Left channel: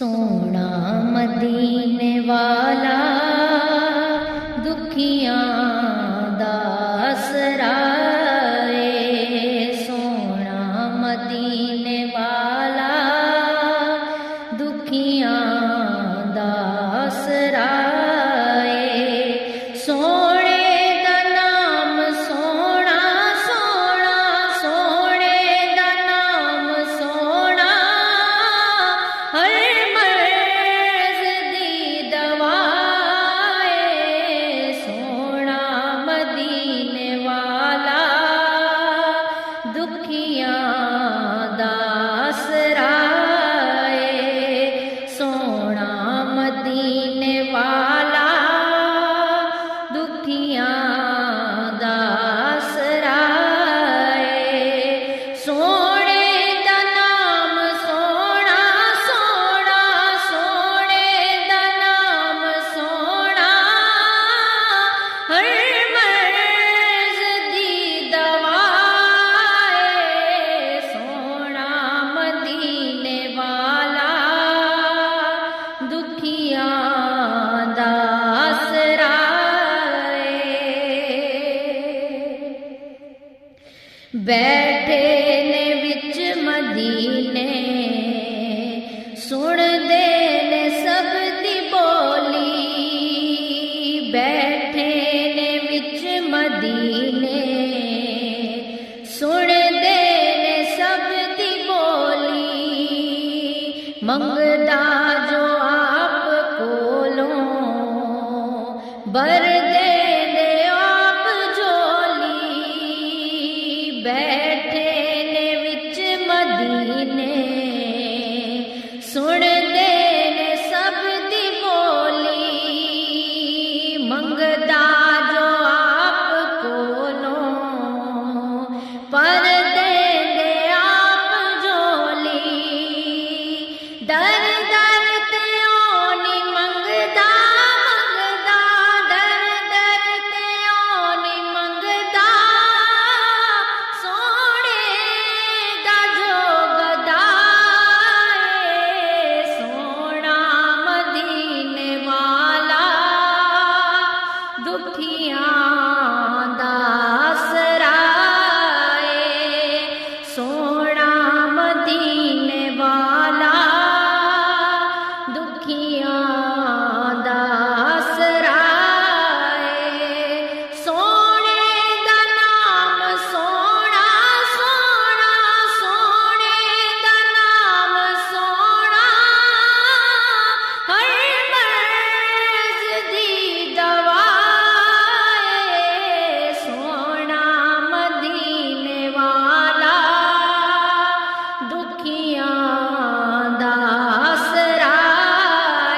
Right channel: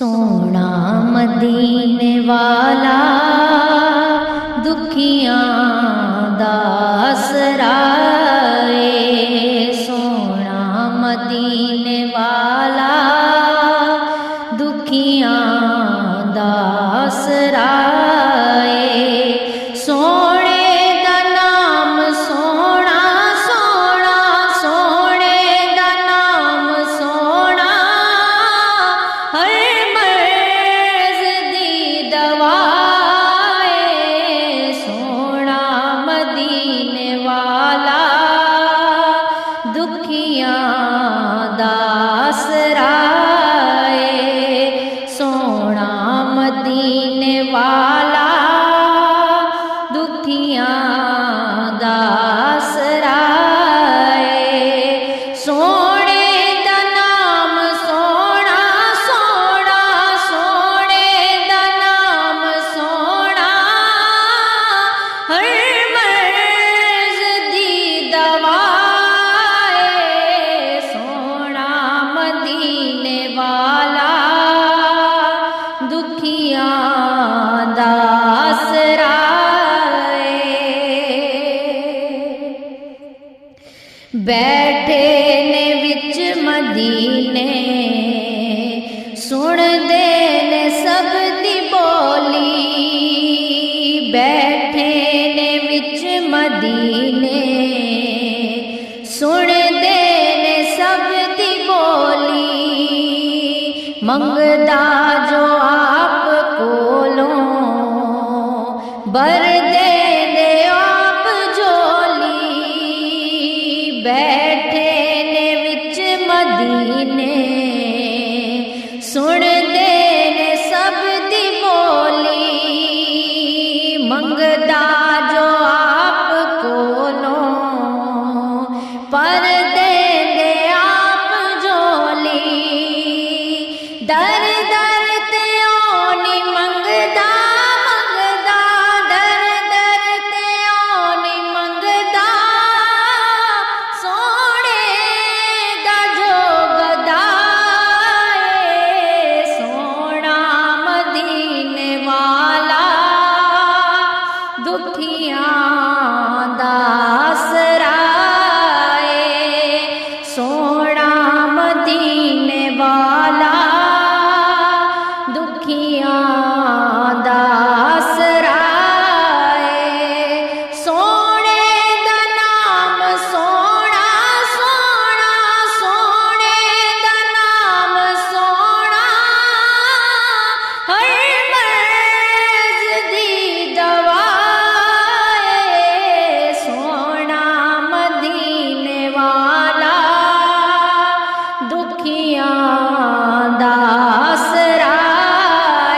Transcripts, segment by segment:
सोना मदीने वाला दुखियां दा आसरा ए। सोना मदीने वाला दुखियां दा आसरा ए। सोने दा नाम सोना सोना, सोने दा नाम सोना, हर मर्ज़ दी दवा ए। सोना मदीने वाला दुखियां दा आसरा ए। सोना मदीने वाला दुखियां दा आसरा ए। सोने दा नाम सोना सोना, सोने दा नाम सोना, हर मर्ज़ दी दवा ए। सोना मदीने वाला दुखियां दा आसरा ए। बैठे ने विच मदीने सुनदे ने सब दी बोली। बैठे ने विच मदीने सुनदे ने सब दी बोली। मंगदा जो आप कोलों बर दे दे आप झोली। बैठे ने विच मदीने सुनदे ने सब दी बोली। मंगदा जो आप कोलों पर दे दे आप झोली। दर दर ते ओनी मंगदा मंगदा, दर दर ते ओनी मंगदा, सोने दा जो गदा ए। सोना मदीने वाला दुखियां दा आसरा ए। सोना मदीने वाला दुखियां दा आसरा ए। सोने दा नाम सोना सोना, सोने दा नाम सोना, हर मर्ज़ दी दवा ए। सोना मदीने वाला दुखियां दा आसरा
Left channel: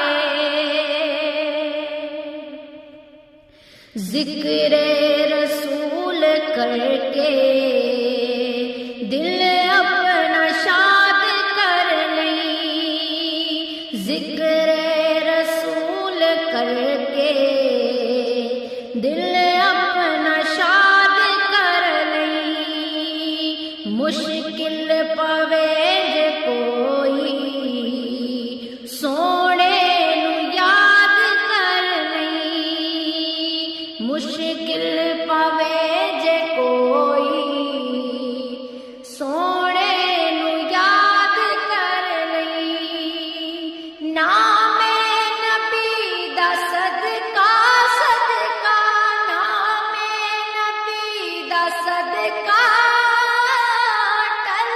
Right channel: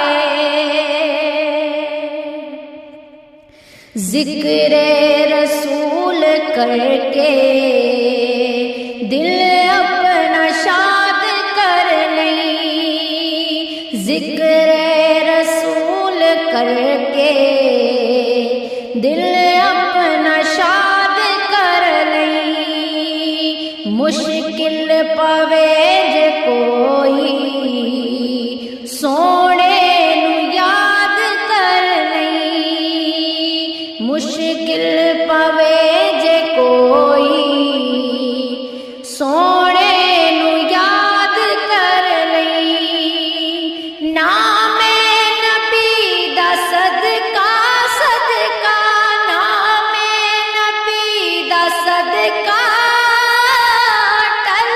ए। ज़िक्रे रसूल करके दिल अपना शाद कर लई। ज़िक्रे रसूल करके दिल अपना शाद कर लई। मुश्किल पवे जे कोई सोने नू याद कर लई। मुश्किल पवे जे कोई सोने नू याद कर लई। नामे नबी दा सदका सदका, नामे नबी दा सदका, टल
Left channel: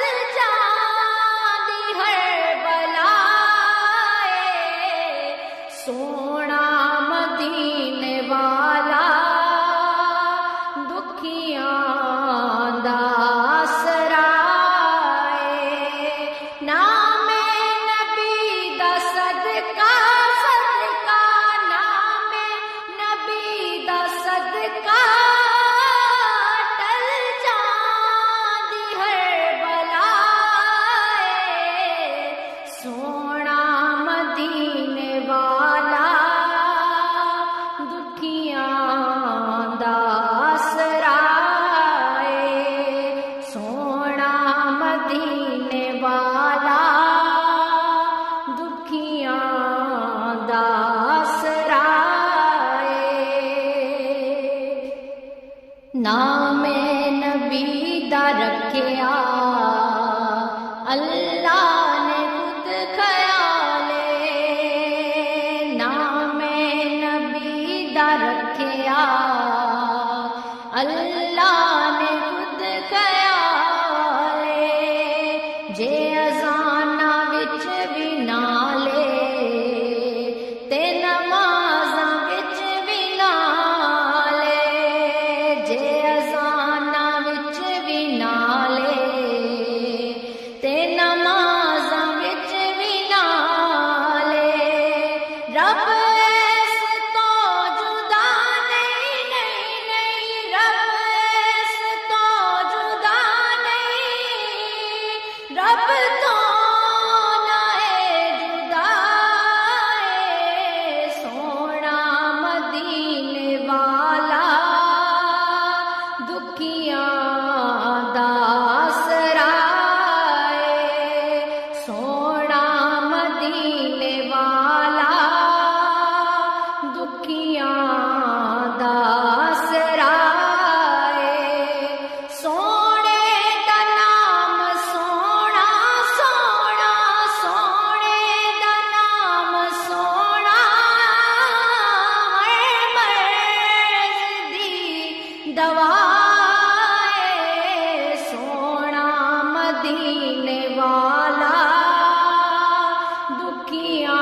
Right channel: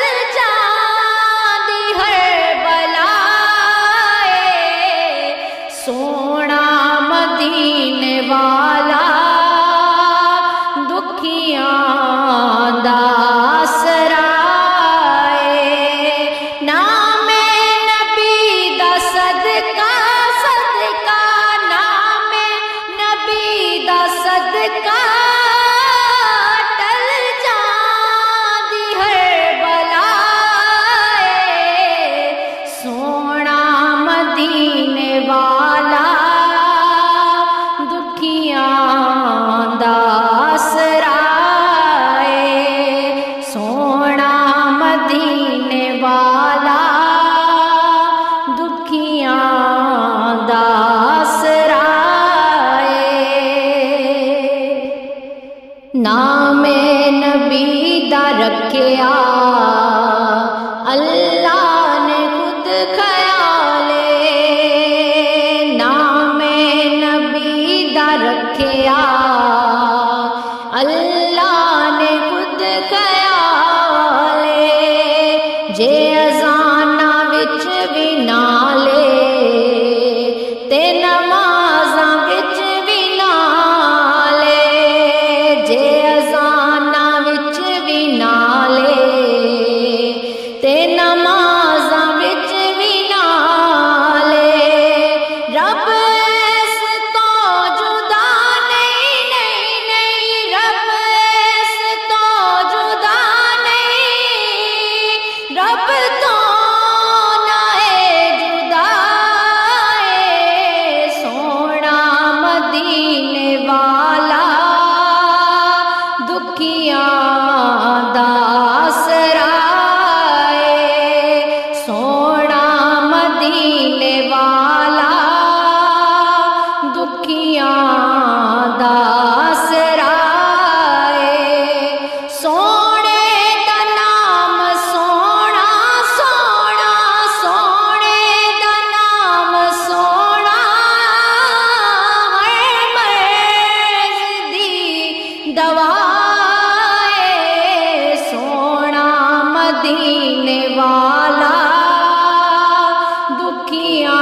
ਦੁਖੀਆਂ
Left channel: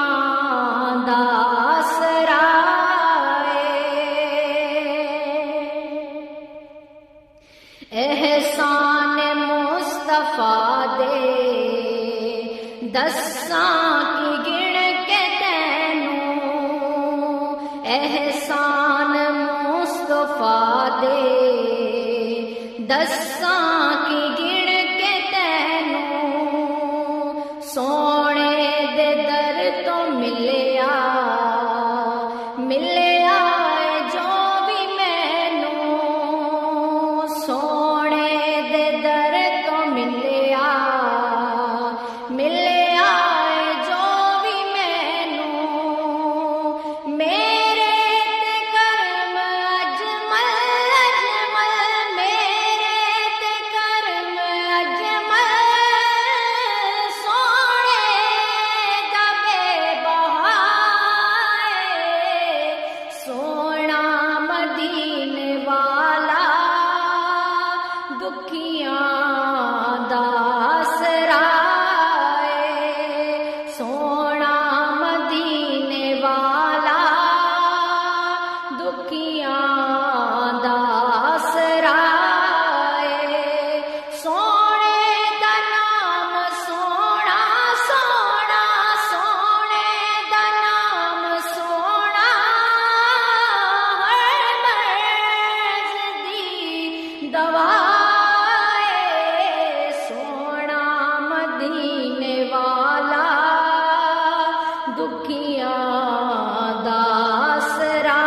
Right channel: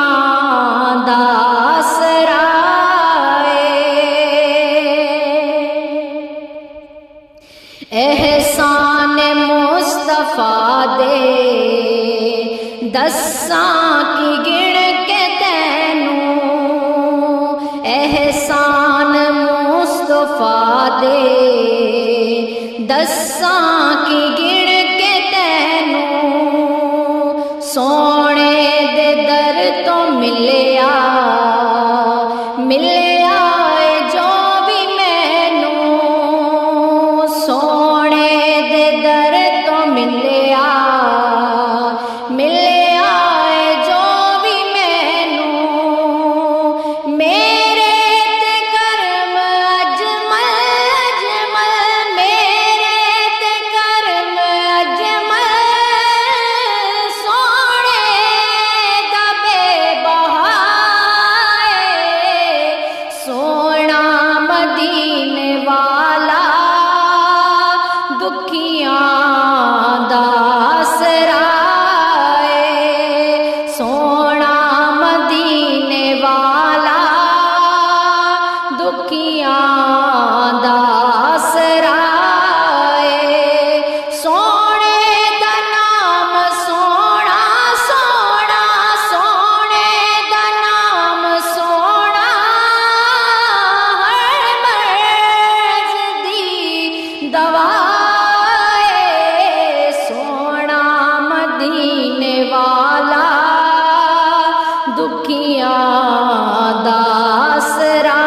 ਦਾ ਆਸਰਾ एहसान मुस्तफा दे दस्सां की गिण के तैनू एहसान मुस्तफा दे दस्सां की गिण के तैनू सोने दे दर तो मिलिया जो भी मैनू सोने दे दर तो मिलिया जो भी मैनू मेरे ते करम अजमल मेरे ते करम अजमल सोने दा बेबहाए सोना मदीने वाला दुखियां दा आसरा सोना मदीने वाला दुखियां दा आसरा सोने दा नाम सोना सोना सोने दा नाम सोना हर मर्ज दी दवा सोना मदीने वाला दुखियां दा आसरा